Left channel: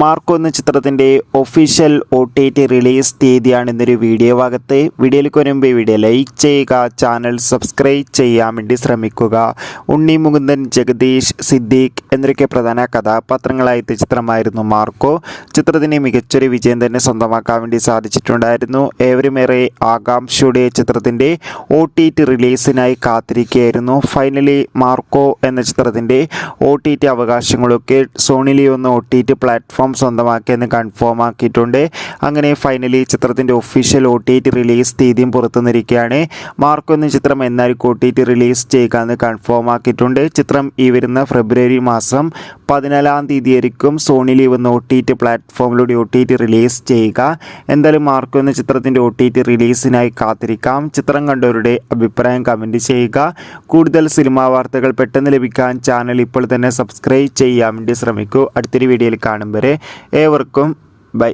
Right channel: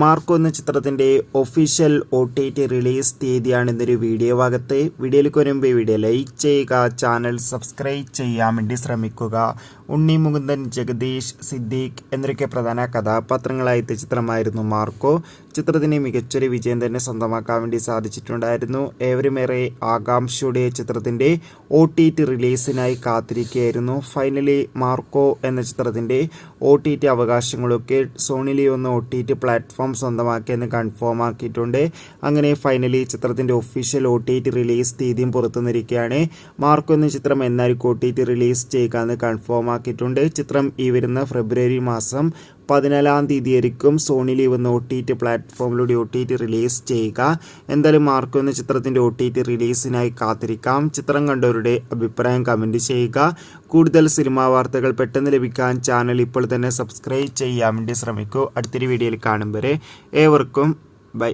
Marco എന്ന ചിത്രത്തിൻ്റെ official OTT release തീയതിയാണ് ഇന്നൊരു വീഡിയോ ഭാഗത്ത്. വീഡിയോയിലേക്ക് വരുമ്പോൾ വീഡിയോ ലൈക്ക് ചെയ്യുക, ചാനൽ സബ്സ്ക്രൈബ് ചെയ്യാൻ വേണ്ടി ശ്രമിക്കുക. ഉണ്ണി മുകുന്ദൻ, ജഗദീഷ്, സിദ്ദീഖ് എന്നൊക്കെ പ്രധാന കഥാപാത്രങ്ങളായ ചിത്രമായിരുന്നു മാർക്കോ. ചിത്രത്തിന് മികച്ചൊരു വിജയം തന്നെ സ്വന്തമാക്കാൻ വേണ്ടി സാധിച്ചിട്ടുണ്ടായിരുന്നു. ഏവരുമേറെ ആകാംക്ഷയോടെ ചിത്രത്തിൻ്റെ OTT റിലീസിനായി കാത്തിരിക്കുകയായിരുന്നു. ഫൈനലി മാർക്കോ എന്ന ചിത്രത്തിൻ്റെ OTT അവകാശങ്ങളൊക്കെ സോണി ലിവ് എന്ന OTT പ്ലാറ്റ്ഫോം സ്വന്തമാക്കിയെന്ന് കൺഫേം ആക്കിയിട്ടുണ്ട്. അങ്ങനെ ഫൈനലി ചിത്രത്തിൻ്റെ ഒഫീഷ്യൽ OTT റിലീസ് തീയതിയും പുറത്തുനിന്നിരിക്കുകയാണ്. മാർക്കോ എന്ന ചിത്രം എന്നായിരിക്കും OTT റിലീസ് ചെയ്യുക എന്ന് കൺഫേം ആക്കിയിട്ടുണ്ട്. ചിത്രം ഈ വരുന്ന ഫെബ്രുവരി മാസം 14-ാം തീയതിയായിരിക്കും സോണി ലിവ് എന്ന OTT പ്ലാറ്റ്ഫോമിലൂടെ OTT റിലീസ് ചെയ്യുക. എന്തായാലും മാർക്കോ എന്ന ചിത്രത്തിൻ്റെ OTT റിലീസിനായി കാത്തിരിക്കാം. ചിത്രം കണ്ടവരുടെ അഭിപ്രായം കമൻറ്റ് ചെയ്യുക. കൂടുതൽ സിനിമാ വാർത്തകൾ പെട്ടെന്ന് ലഭിക്കാൻ ചാനൽ ഇപ്പോൾ തന്നെ സബ്സ്ക്രൈബ് ചെയ്യാൻ വേണ്ടി ശ്രമിക്കൂ. അടുത്തൊരു വീഡിയോയിൽ കാണും വരെ ഏവർക്കും ബൈ.